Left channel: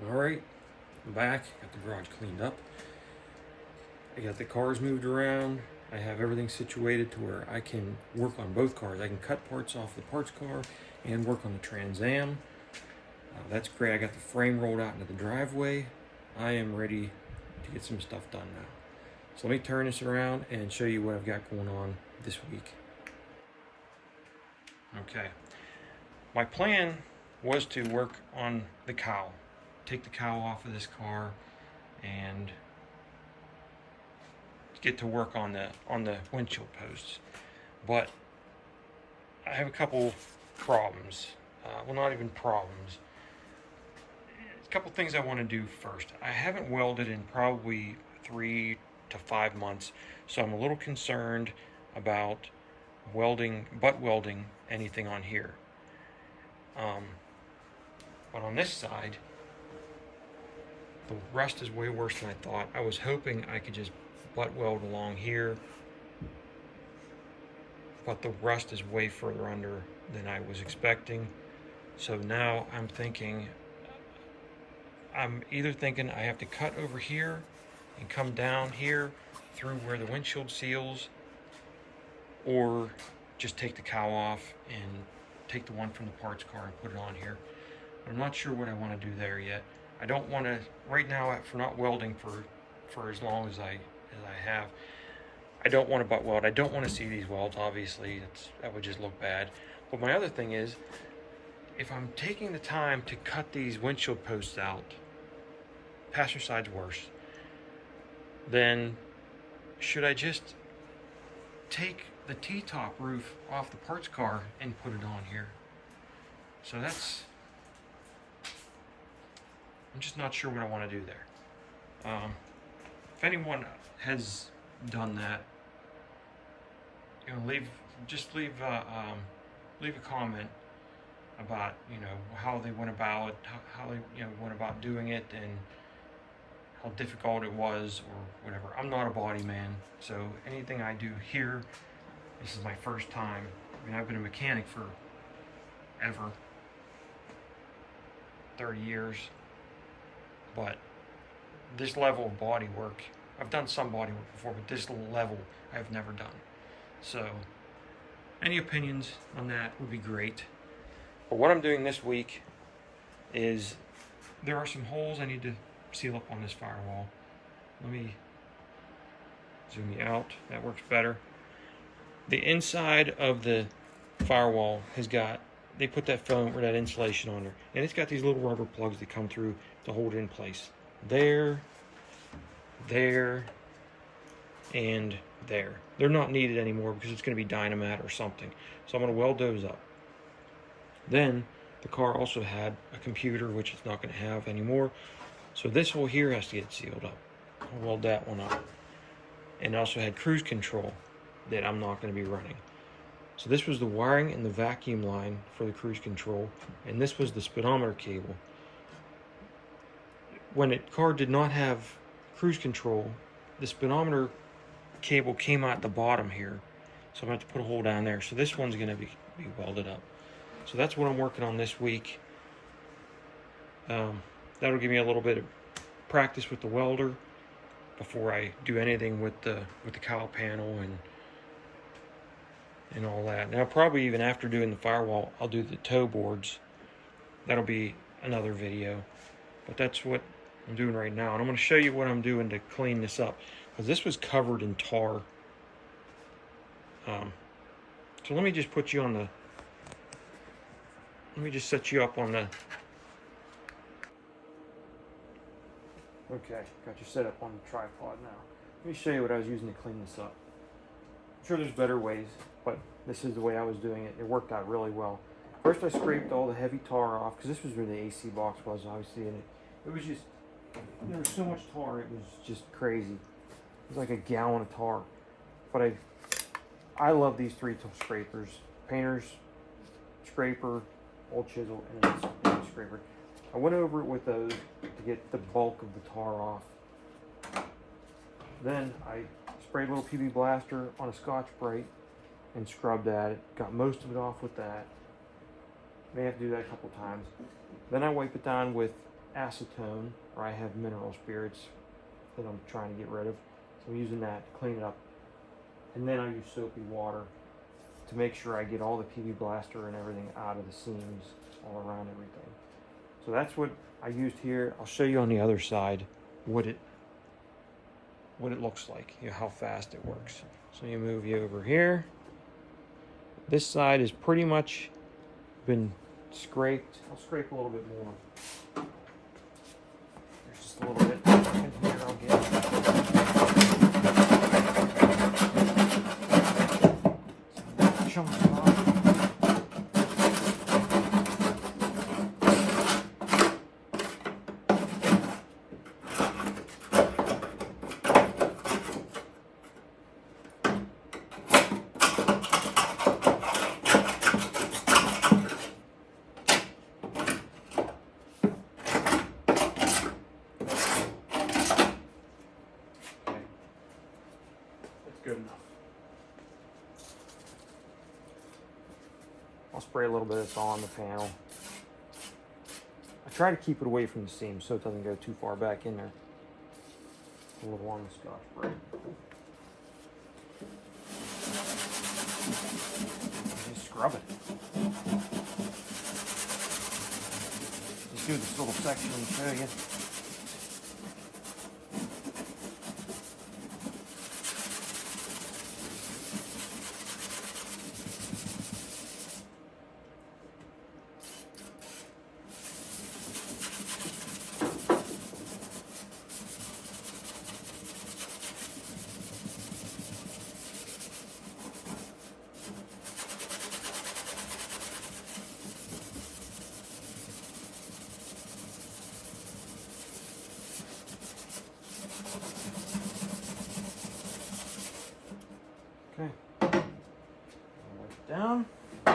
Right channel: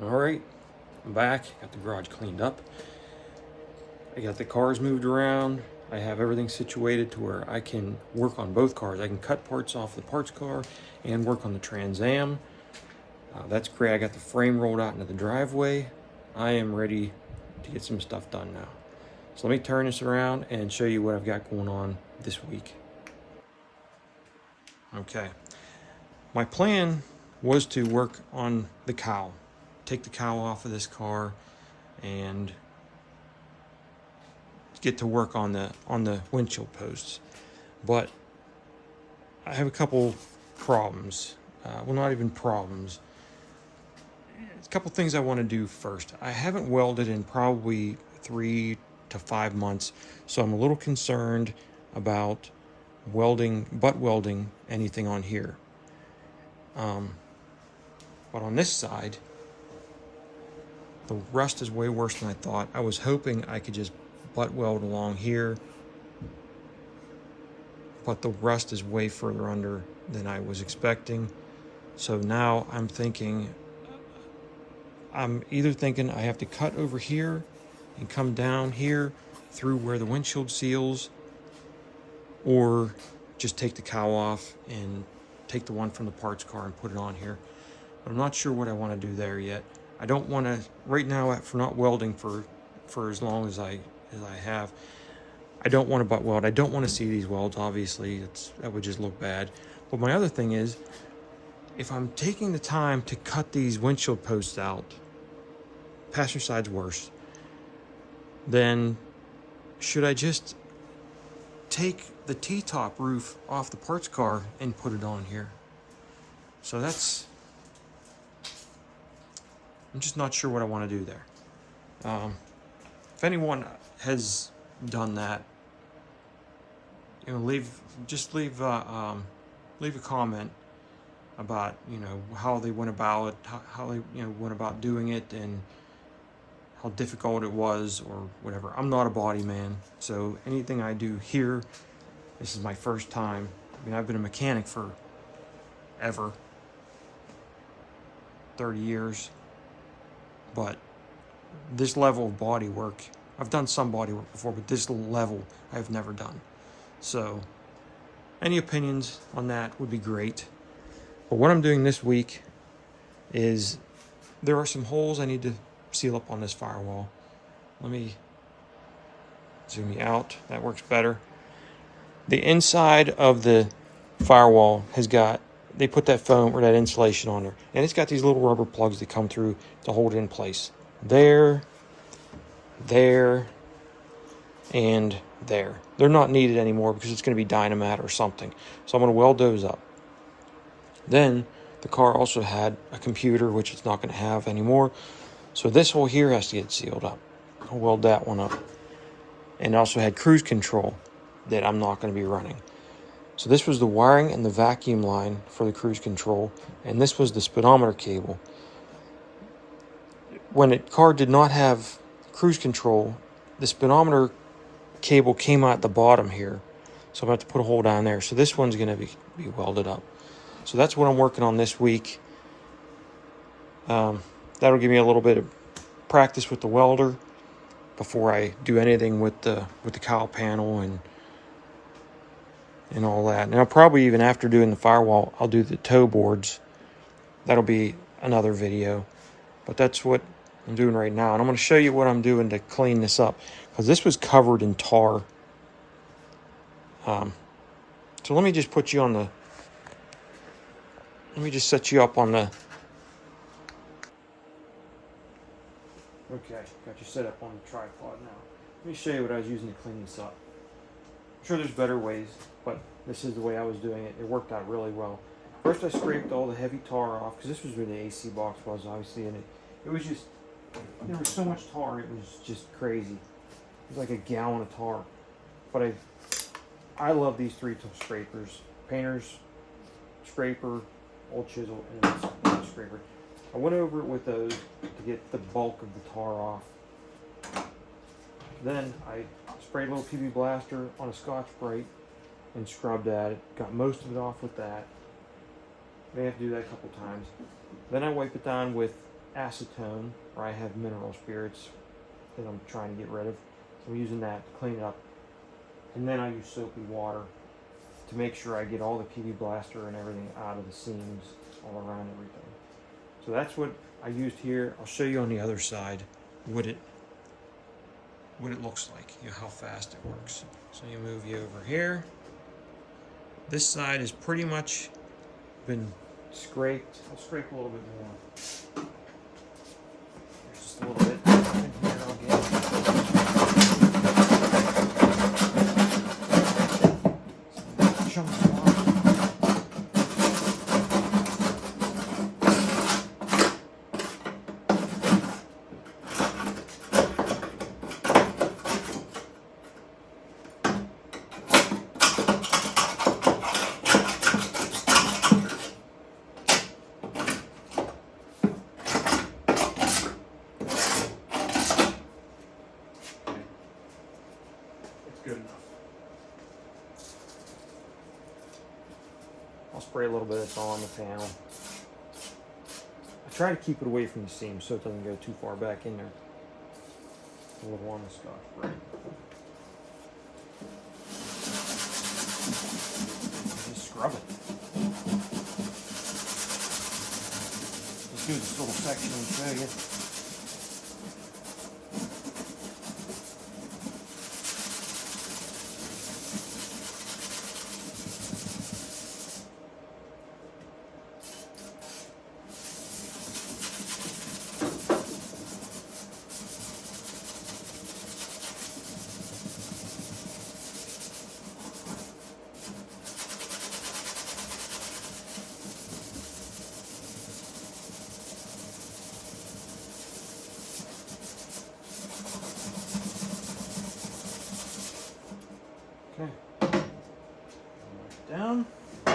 All right, I'm back. Got the garage cleaned up. I got the cars moved around. I have everything situated to where I can work on both cars. I can cut parts off the parts car and work on the Trans Am. That's great. I got the frame rolled out into the driveway. I am ready to get some stuff done now. So let me turn this around and show you what I've got going on this week. Okay, my plan was to work on the cowl. Take the cowl off of this car and get to work on the windshield posts. But I have a couple problems. Well, not even problems. A couple things I want to do first. I haven't welded in probably 3 to 5 months, so I'm a little concerned about butt welding anything on here. But on this side, the rust is way worse than I thought. I was hoping I could just butt weld along here, but the rust is way further under than I was expecting. So now I'm either thinking I have to cut over here and come down here through where the windshield seals, or just take the cowl off and take the one from the parts car and put it on here. But I'm not sure what I want to do there yet. I don't want to, right now, for not welding for as long as I have, I don't want to butt weld. I don't want to see these welds, obviously. That would just look bad. But my other thing is, if I'm taking the time to cut these windshield posts out, passenger side's worse, then should I just take the T-top roof off the parts car and put it on here? So I'm just not sure what I want to do there. If anyone has done that, leave a comment about how they went about it, how they went about doing it, and how difficult it was or whatever. I'm not a body man, so anything I do here, this is my first time. I mean, I've been a mechanic for ever, 30 years, but this level of body work, I've done some body work before, but this level I've never done. So any opinions on that would be great. But what I'm doing this week is there are some holes I need to seal up on this firewall. Let me zoom you out. That works better. The inside of the firewall they put that foam or that insulation on there, and it's got these little rubber plugs that come through to hold it in place. There, and there. They're not needed anymore because it's going to be Dynamat or something. So I'm going to weld those up. Then the car also had a computer, which it's not going to have anymore. So this hole here has to get sealed up. I'll weld that one up. And it also had cruise control that I'm not going to be running. So this was the wiring and the vacuum line for the cruise control, and this was the speedometer cable. When the car did not have cruise control, the speedometer cable came out the bottom here. So I'm going to have to put a hole down there. So this one's going to be welded up. So that's what I'm working on this week. That'll give me a little bit of practice with the welder before I do anything with the cowl panel and all that. And I'll probably, even after doing the firewall, I'll do the toe boards. That'll be another video. But that's what I'm doing right now. And I'm going to show you what I'm doing to clean this up, because this was covered in tar. So let me just put you on the... Let me just set you up on the... Okay, got you set up on the tripod now. Let me show you what I was using to clean this up. I'm sure there's better ways, but this is the way I was doing it. It worked out really well. First I scraped all the heavy tar off, because this was where the AC box was, obviously, and it was just, there was so much tar, it was just crazy. It was like a gallon of tar. But I love these 3-tool scrapers. Painter's scraper, old chisel, and this scraper. I went over it with those to get the bulk of the tar off. Then I sprayed a little PB Blaster on a Scotch-Brite and scrubbed at it. Got most of it off with that. May have to do that a couple times. Then I wipe it down with acetone, or I have mineral spirits that I'm trying to get rid of. So I'm using that to clean it up. And then I use soapy water to make sure I get all the PV blaster and everything out of the seams all around everything. So that's what I used here. I'll show you on the other side what it looks like, you know, how fast it works. So you move you over here. This side has pretty much been scraped. I'll scrape a little bit more. There's just a little bit in here I'll get. Some chunks off. Good enough. I'll spray a little bit of this on the panel. I try to keep it away from the seam so it doesn't go too far back in there. A little on the Scotch Brite. Just scrub it. Just do this little section and show you. Okay, down. I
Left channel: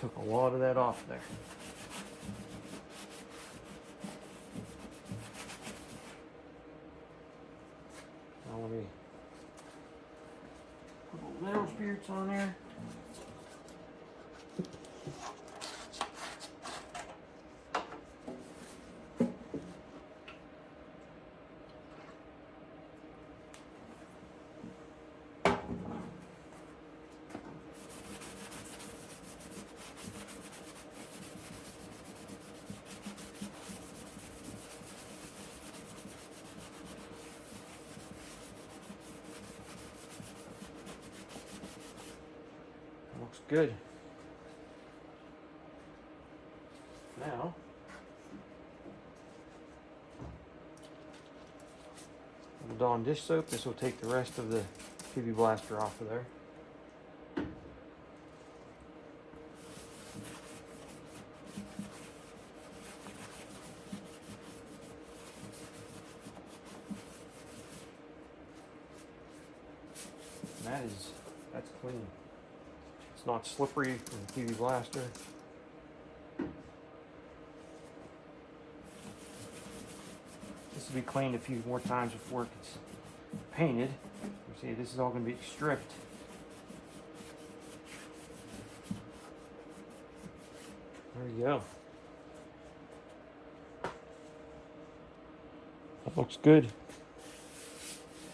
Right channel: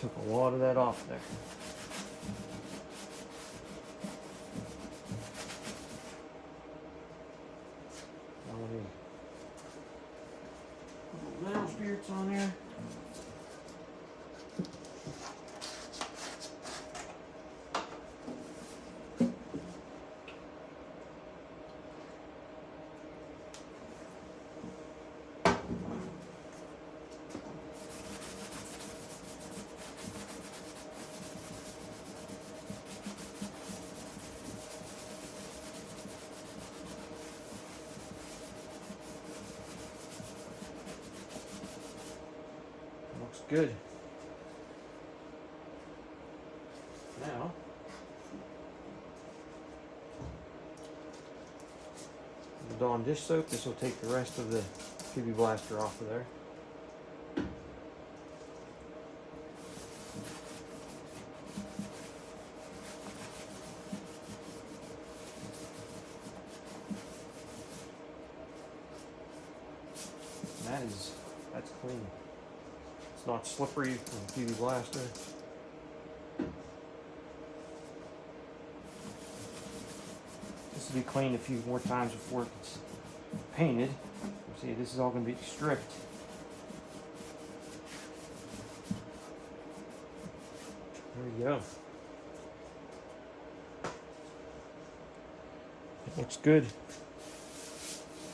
took a lot of that off there. Now let me put a little mineral spirits on there. Looks good. Now, the Dawn dish soap. This will take the rest of the PV blaster off of there. And that's clean. It's not slippery from the PV blaster. This will be cleaned a few more times before it gets painted. You see, this is all going to be stripped. There you go. That looks good.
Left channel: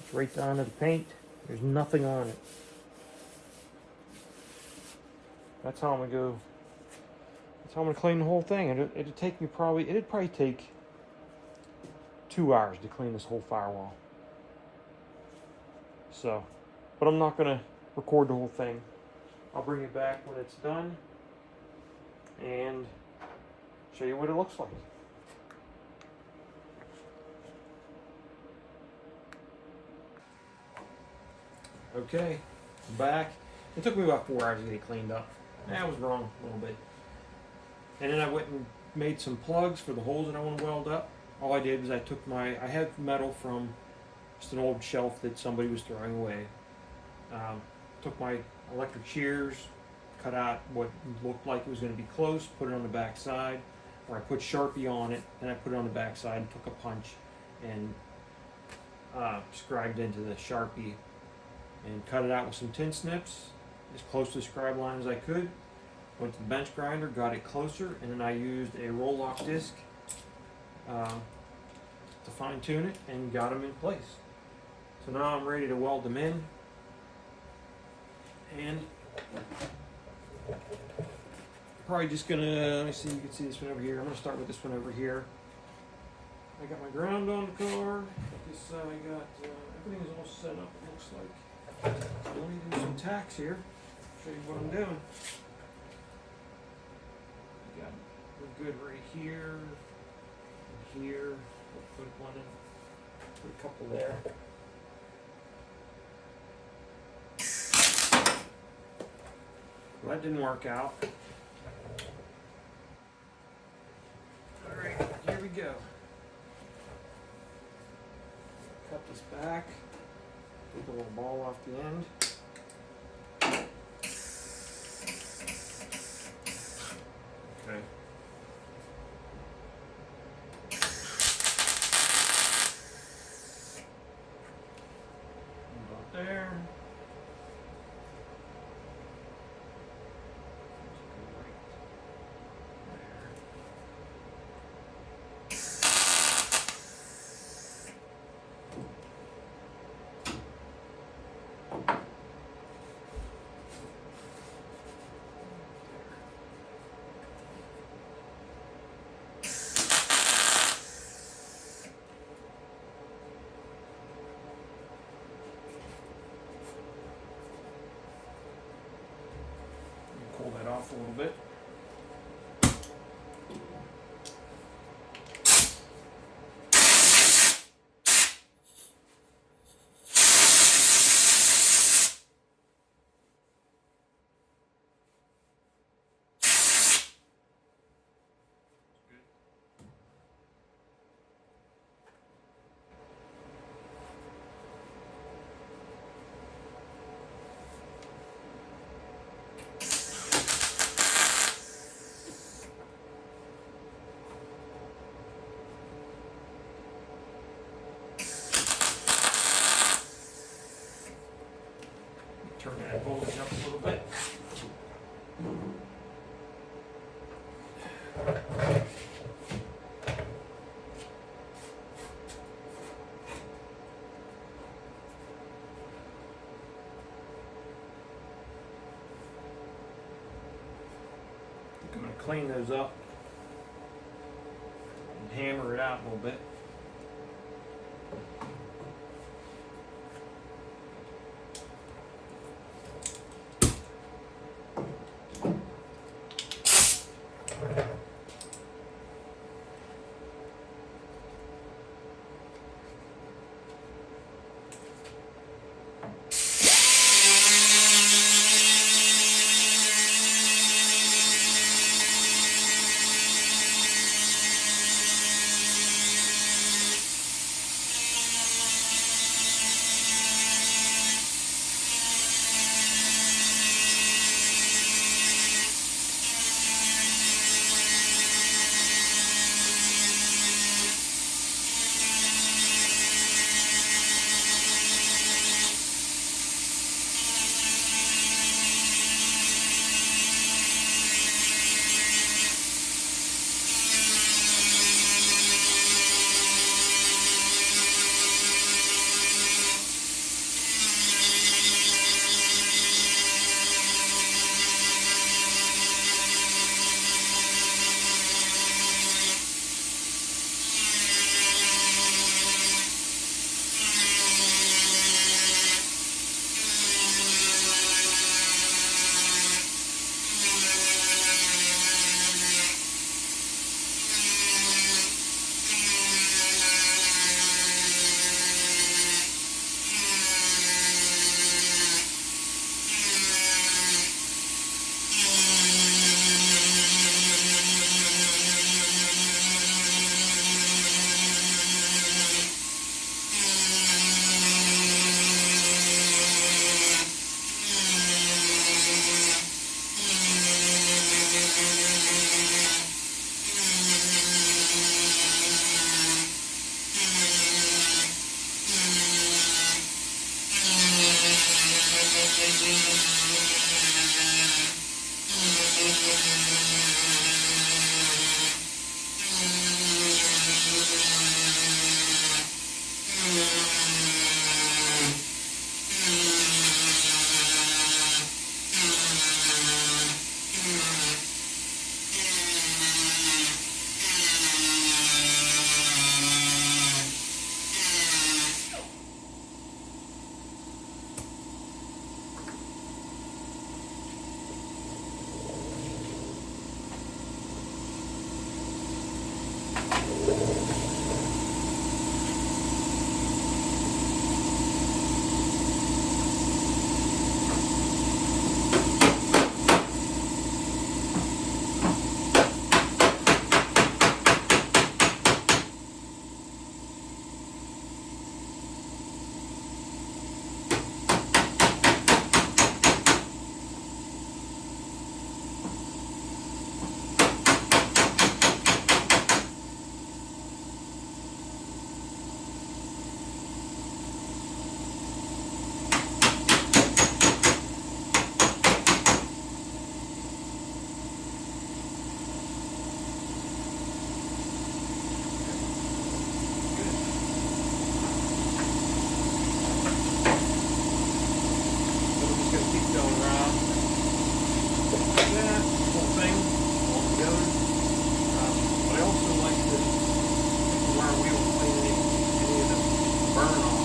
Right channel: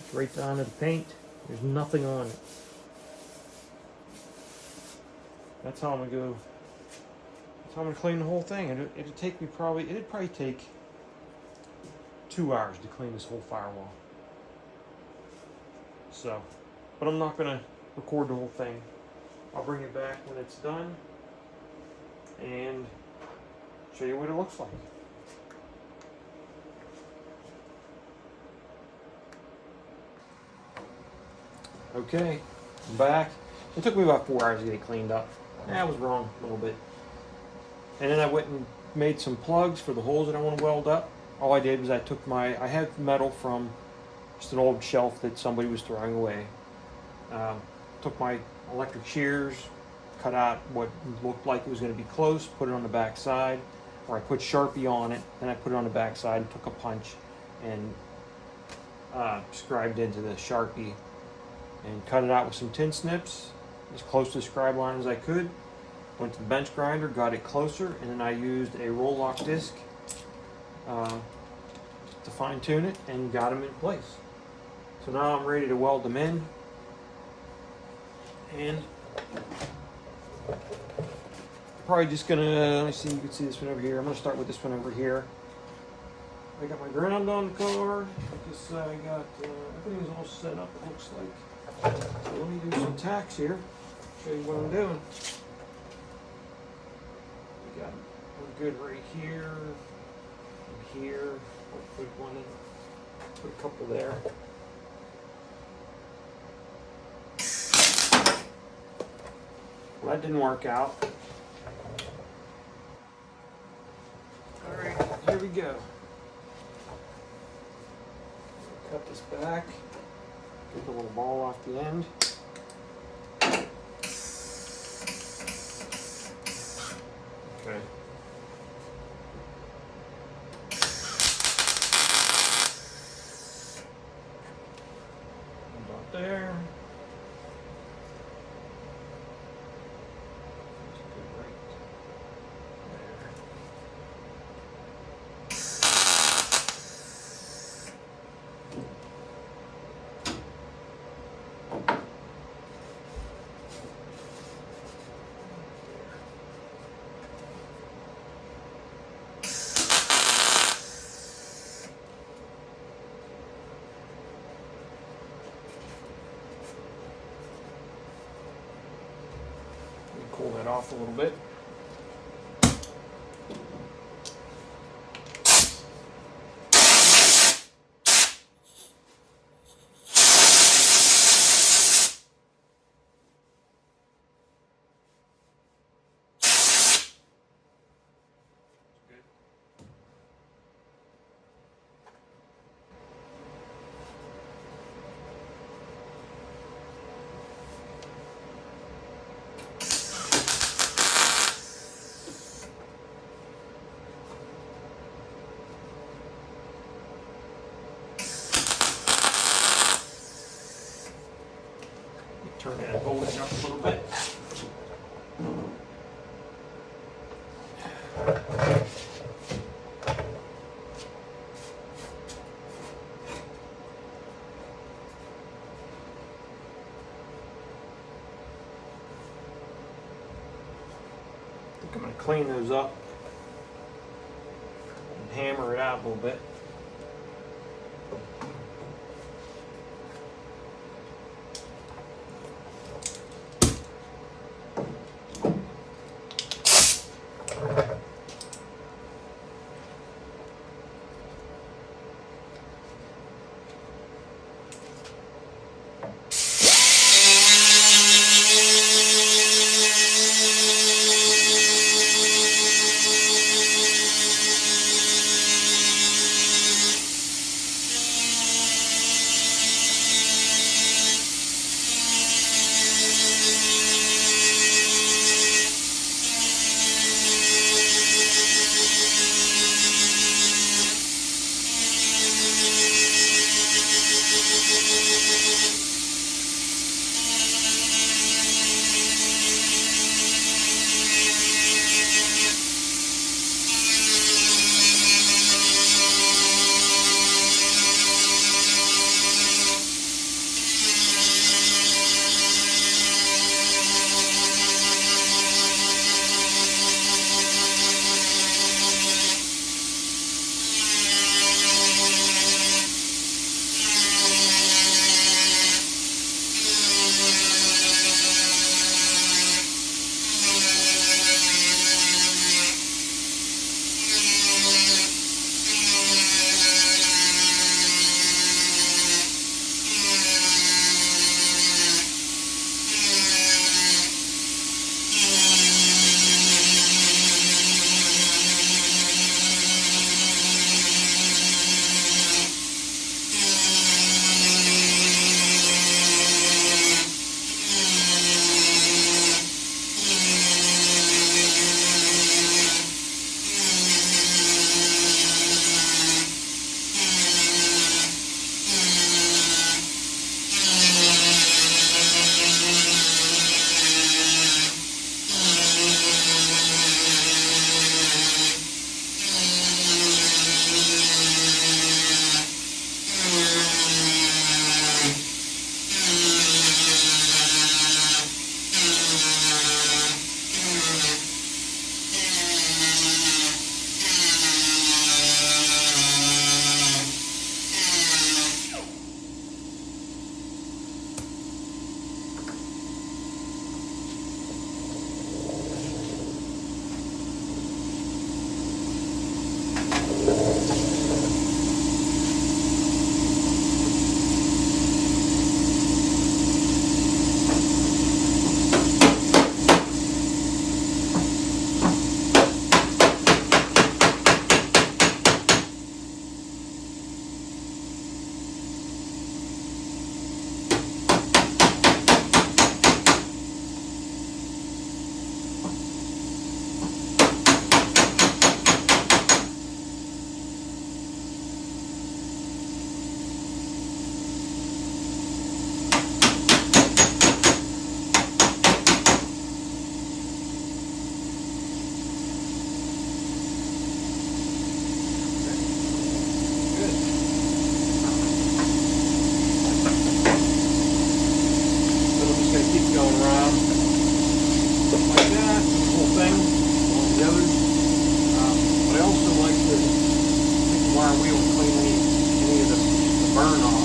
It's right down to the paint. There's nothing on it. That's how I'm gonna go. That's how I'm gonna clean the whole thing. It'd take me it'd probably take 2 hours to clean this whole firewall. So, but I'm not gonna record the whole thing. I'll bring it back when it's done and show you what it looks like. Okay, I'm back. It took me about 4 hours to get it cleaned up. I was wrong a little bit. And then I went and made some plugs for the holes that I want to weld up. All I did was I took I had metal from just an old shelf that somebody was throwing away. Took my electric shears, cut out what looked like it was going to be close, put it on the back side, or I put Sharpie on it, then I put it on the back side and took a punch and scribed into the Sharpie and cut it out with some tin snips as close to the scribe line as I could. Went to the bench grinder, got it closer, and then I used a roll lock disc to fine tune it and got them in place. So now I'm ready to weld them in. And probably just gonna, let's see, you can see this one over here. I'm gonna start with this one over here. I got my ground on the car. I got, everything's all set up, it looks like. So let me do some tacks here, show you what I'm doing. We got, we're good right here, and here. I'll put one in, put a couple there. Well, that didn't work out. All right, here we go. Cut this back, get the little ball off the end. Okay. About there. Pull that off a little bit. Turn that voltage up a little bit. I'm going to clean those up and hammer it out a little bit. around like that, the whole thing, all together. But I also like to use the wire wheel and clean any of the burn off.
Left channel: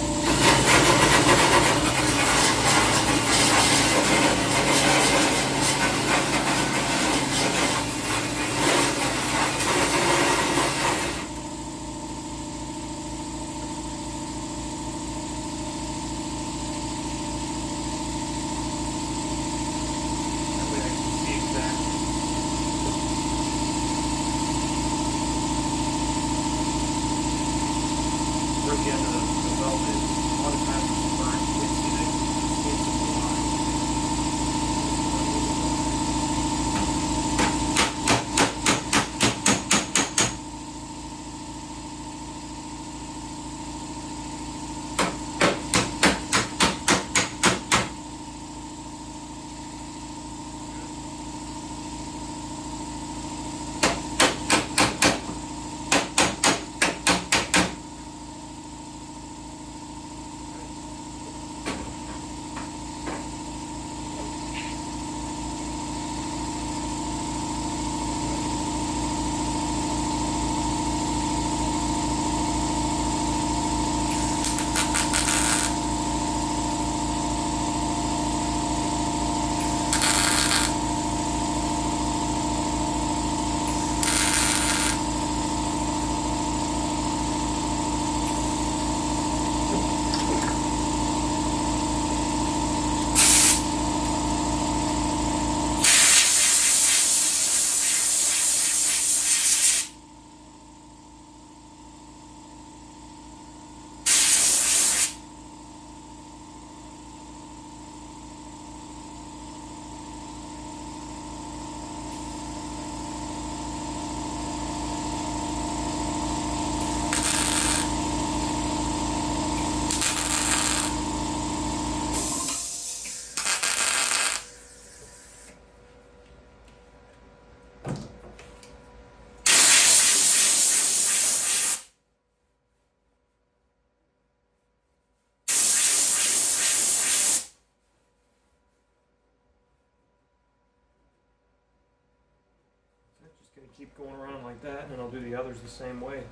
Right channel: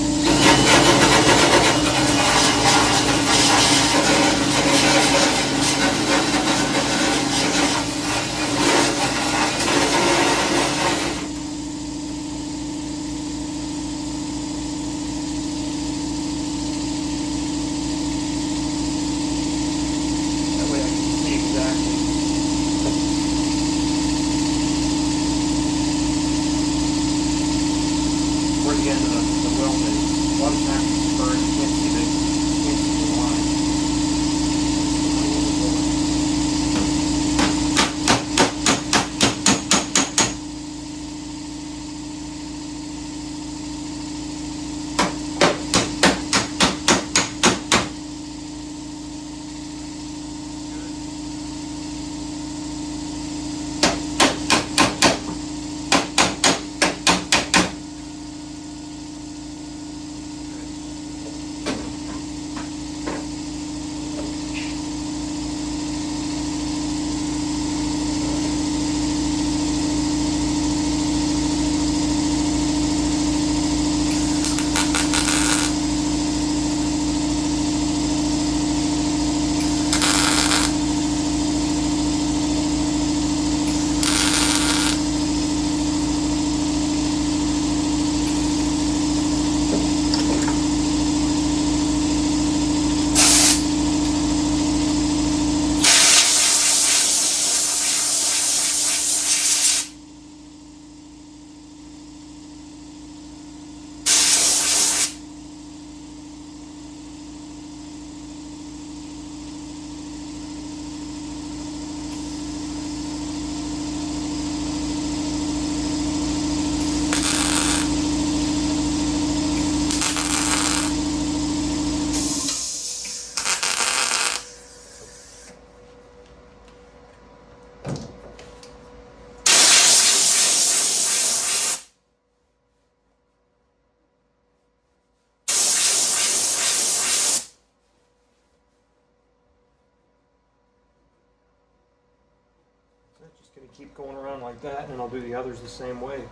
Just going to keep going around like that, and then I'll do the others the same way.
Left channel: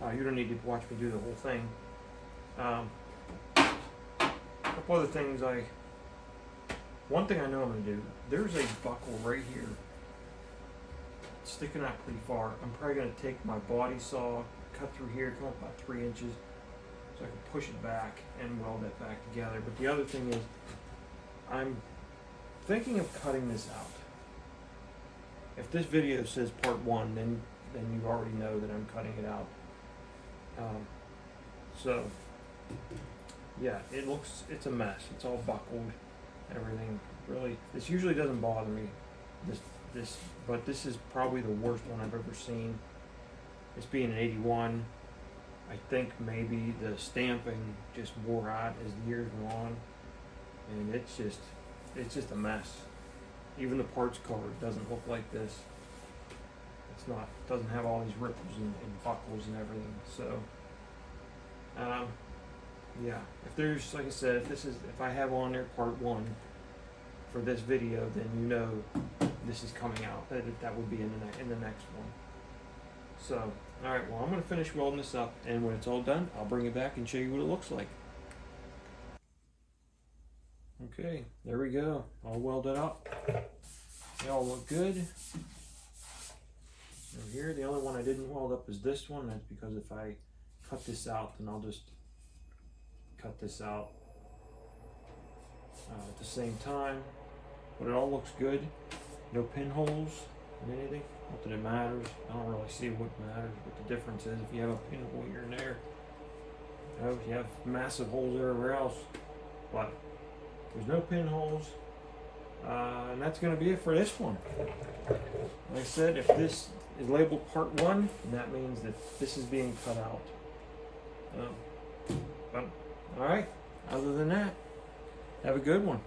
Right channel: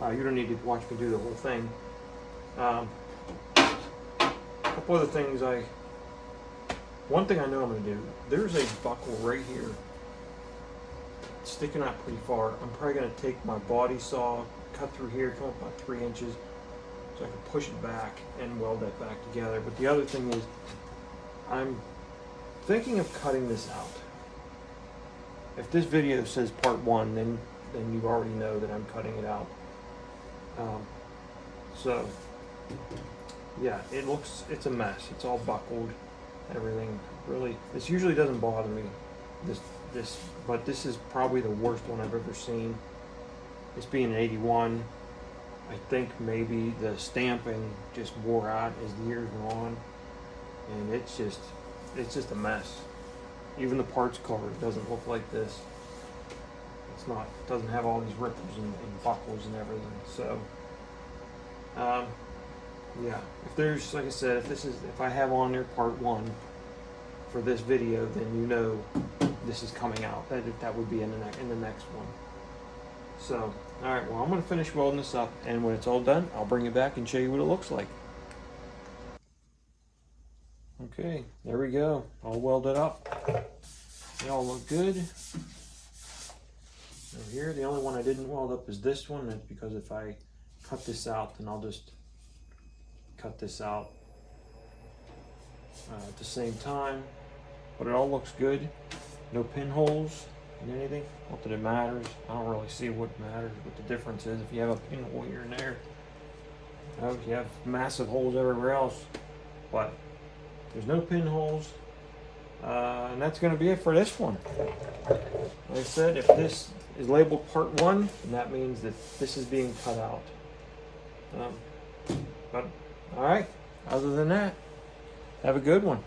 You don't need to watch me do the whole thing. A couple other things one thing I know I'm going to do, there's a buckle right here sticking out pretty far. I'm probably going to take my body saw, cut through here, come up about 3 inches, so I can push it back and weld that back together. But the other thing is, I'm thinking of cutting this out. If this video says part 1, then you already know that I'm cutting it out. So yeah, it's a mess. It's all buckled, everything. Really, this usually doesn't bother me. But this is probably the worst one I've ever seen. This being an 81, I think maybe the stamping just wore out as the years went on, and it's just a mess. Even the parts card doesn't look like this. It doesn't have all these ripples and buckles and everything. So yeah, if there's, like I said, if I have on there part 1 for this video, then you know this is coming out. That would be in the next one. So, all right, well, I'm going to finish welding this up, and when it's all done, I'll bring it back and show you what it looks like. Okay, there we go. All welded up. They all look good. Now here, the only one I didn't weld up is this one. That's because if I cut this out, then I'll just cut this out at the same time. But it all looks good. No pinholes in anything. Not that it matters. I don't really see what matters, what the difference is. If you have a pinhole here and there, you have massive holes everywhere else. But there's no pinholes. And that's going to be it for this one. Like I said, if this is labeled part 1, then that means that this is being cut out. But all right, other than that, have a good one.